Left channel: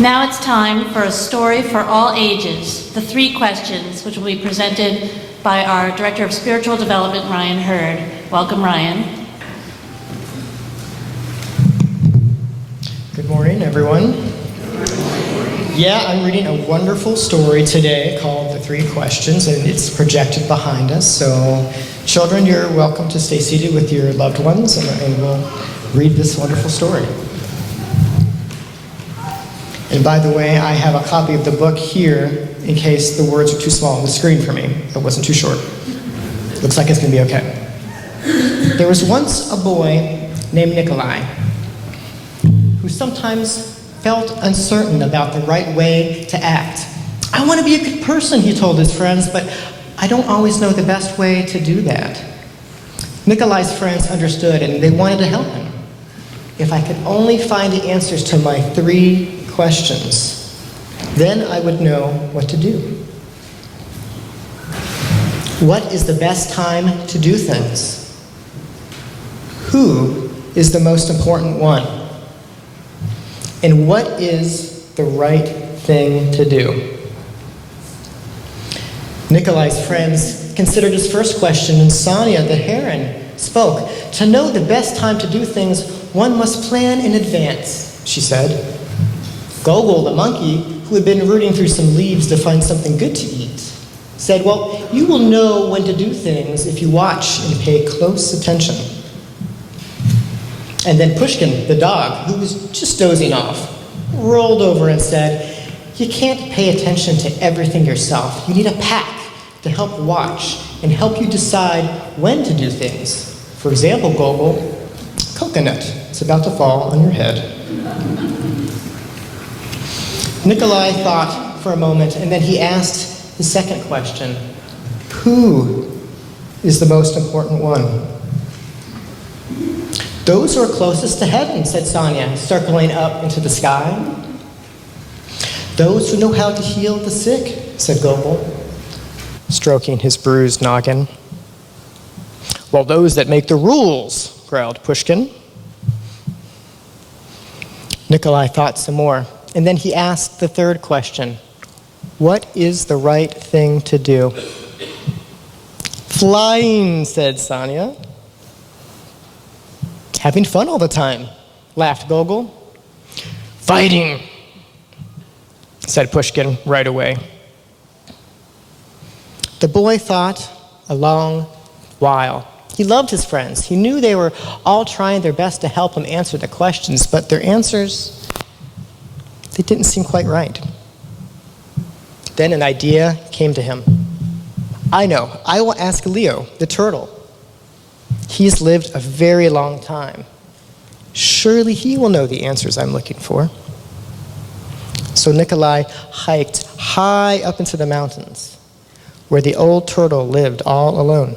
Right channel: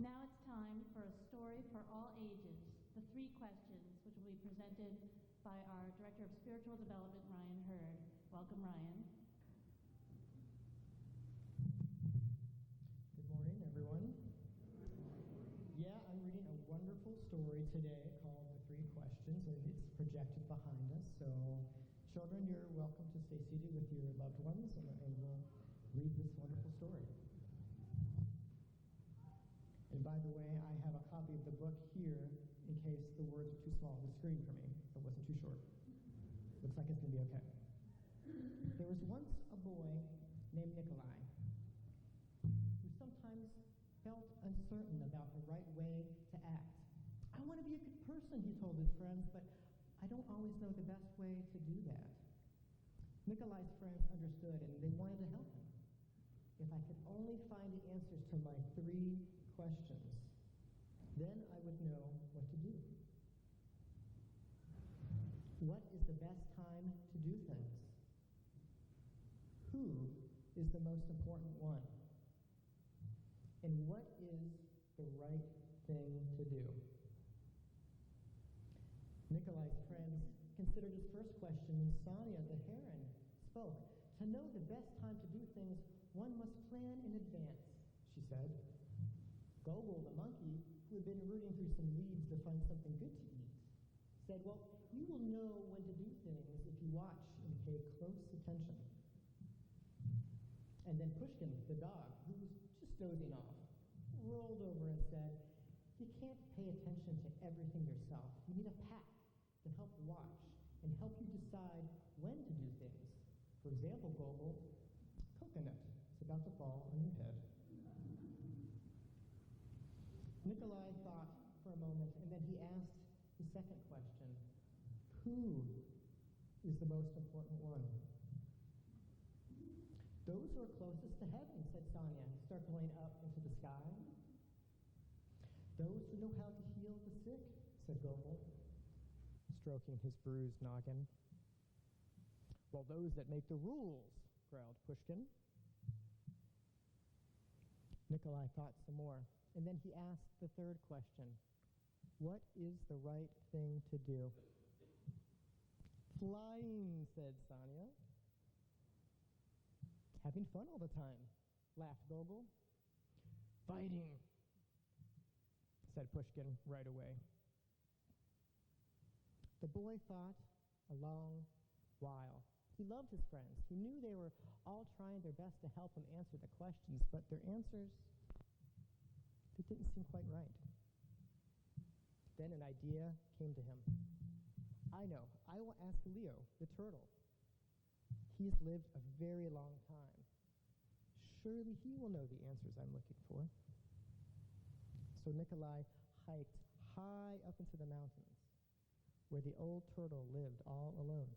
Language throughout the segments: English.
Now it's time for a story for all ages, the 3 questions, which will be presented by our Director of Spiritual Development, Ryan Hurd. Welcome, Ryan. Good morning, everyone. Yeah, I'm reading a wonderful story today called The 3 Questions, and it's projected behind us. So, children, you're welcome to stay seated with your loved ones, and we'll read this wonderful story. And by the way, I have a copy of the book here in case the words are too small on the screen for me. It wasn't too short. Looks like it's going to be okay. There was once a boy named Nikolai who sometimes felt uncertain about the right way to act. I want to be a good person, he told his friends, but I don't always know the best way to do that. Nikolai's friends understood, and they wanted to help him. If I could only find the answers to my 3 questions, then I would know what to do. What is the best time to do things? Who is the most important one? And what is the right thing to do? Nikolai's friends considered his first question, and Sonia the heron spoke. To know the best time to do things, one must plan in advance, she said. Gogol, the monkey, who had been rooting through some leaves to find something good to eat, said, well, you will know when to do things if you watch and pay close attention. And then Pushkin, the dog, who was just dozing off, rolled over and said, you can't pay attention to everything yourself. You need a pack to help watch and help you decide when to do things. For example, Gogol, coconut. It's about to fall on your head. Nikolai thought for a moment, and then he asked the second question. Who is the most important one? Those who are closest to heaven, said Sonia, circling up into the sky. Those who know how to heal the sick, said Gogol, stroking his bruised noggin. Well, those that make the rules, growled Pushkin. Nikolai thought some more, and then he asked the third question. What is the right thing to do? Flying, said Sonia. Having fun all the time, laughed Gogol. Fighting, said Pushkin right away. The boy thought a long while. He loved his friends. He knew they were all trying their best to help him answer the questions, but their answers, they didn't seem quite right. Then an idea came to him. I know, I will ask Leo, the turtle. He's lived a very long time. Surely he will know the answers I'm looking for. So Nikolai hiked high up into the mountains, where the old turtle lived all alone.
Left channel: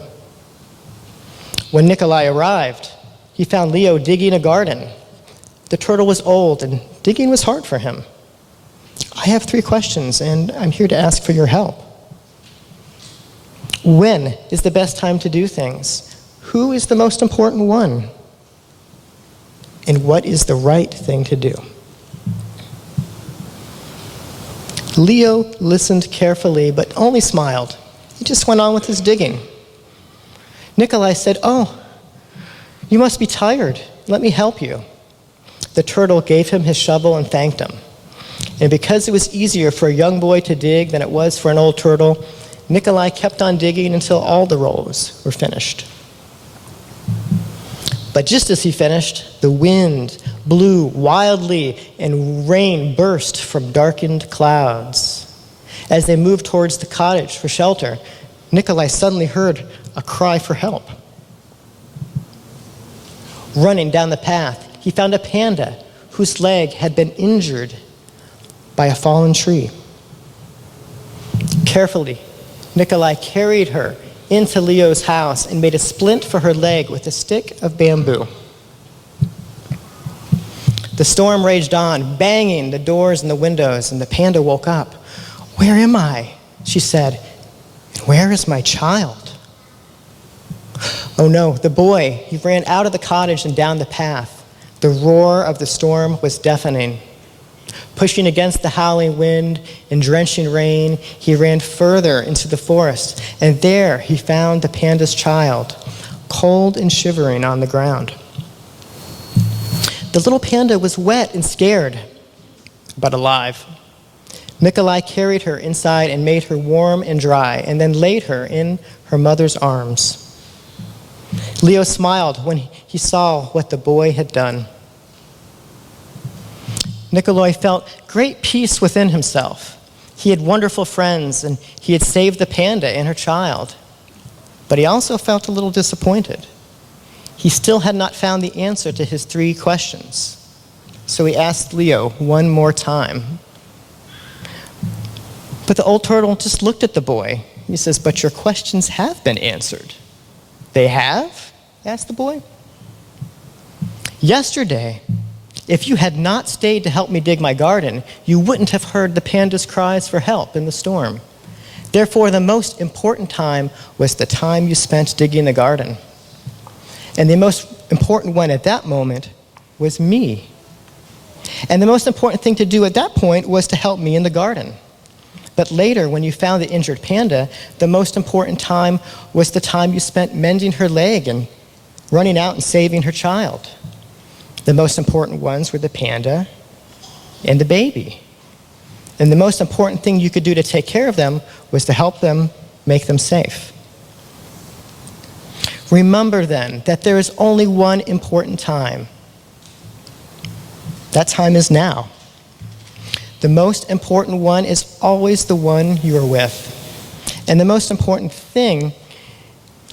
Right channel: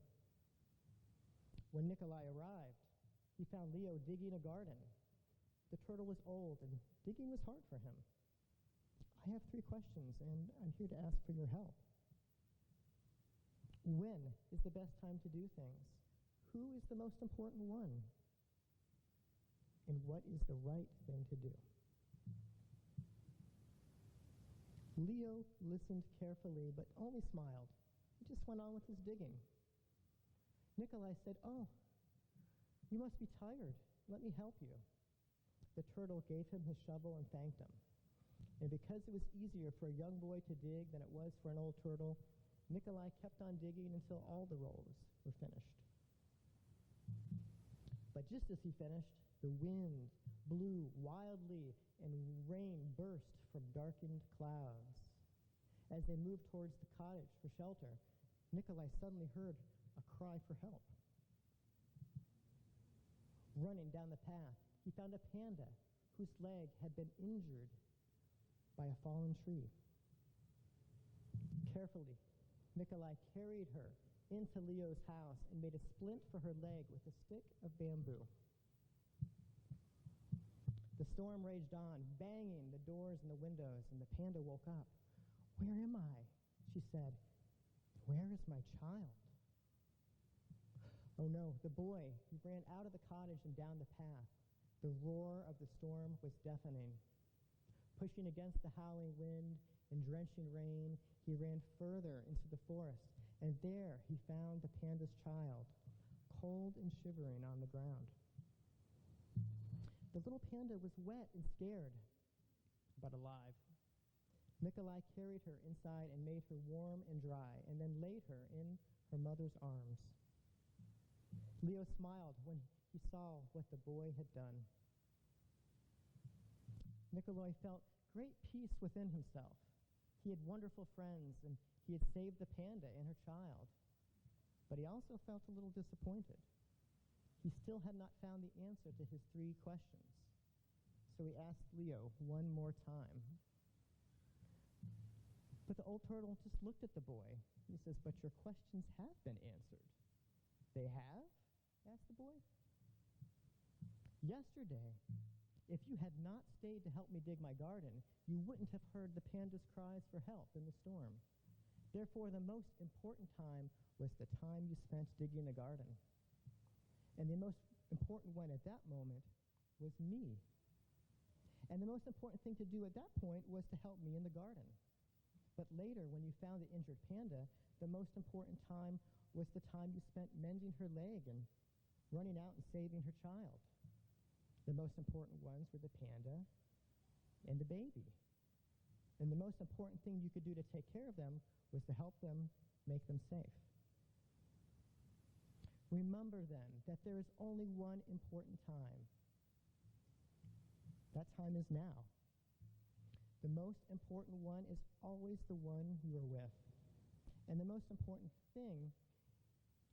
When Nikolai arrived, he found Leo digging a garden. The turtle was old, and digging was hard for him. I have 3 questions, and I'm here to ask for your help. When is the best time to do things? Who is the most important one? And what is the right thing to do? Leo listened carefully, but only smiled. He just went on with his digging. Nikolai said, oh, you must be tired. Let me help you. The turtle gave him his shovel and thanked him. And because it was easier for a young boy to dig than it was for an old turtle, Nikolai kept on digging until all the rows were finished. But just as he finished, the wind blew wildly and rain burst from darkened clouds. As they moved towards the cottage for shelter, Nikolai suddenly heard a cry for help. Running down the path, he found a panda whose leg had been injured by a fallen tree. Carefully, Nikolai carried her into Leo's house and made a splint for her leg with a stick of bamboo. The storm raged on, banging the doors and the windows, and the panda woke up. Where am I? She said. And where is my child? Oh no, the boy, he ran out of the cottage and down the path. The roar of the storm was deafening. Pushing against the howling wind and drenching rain, he ran further into the forest, and there he found the panda's child, cold and shivering on the ground. The little panda was wet and scared, but alive. Nikolai carried her inside and made her warm and dry, and then laid her in her mother's arms. Leo smiled when he saw what the boy had done. Nikolai felt great peace within himself. He had wonderful friends, and he had saved the panda and her child. But he also felt a little disappointed. He still had not found the answer to his 3 questions. So he asked Leo one more time. But the old turtle just looked at the boy. He says, "But your questions have been answered." "They have?" asked the boy. "Yesterday, if you had not stayed to help me dig my garden, you wouldn't have heard the panda's cries for help in the storm. Therefore, the most important time was the time you spent digging the garden. And the most important one at that moment was me. And the most important thing to do at that point was to help me in the garden. But later, when you found the injured panda, the most important time was the time you spent mending her leg and running out and saving her child. The most important ones were the panda and the baby. And the most important thing you could do to take care of them was to help them make them safe. Remember then that there is only one important time. That time is now. The most important one is always the one you are with. And the most important thing,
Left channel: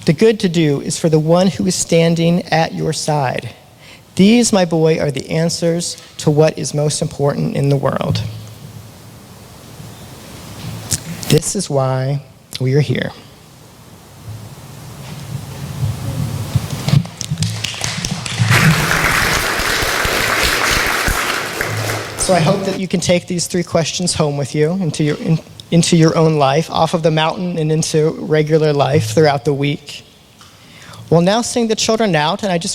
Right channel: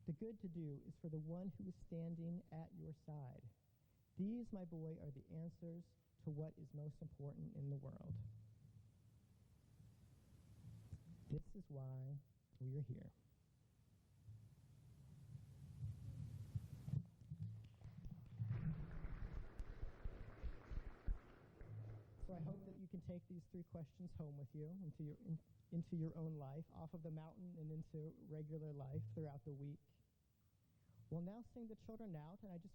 the good to do, is for the one who is standing at your side. These, my boy, are the answers to what is most important in the world. This is why we are here. So I hope that you can take these 3 questions home with you into your own life, off of the mountain and into regular life throughout the week. We'll now sing the children out, and I just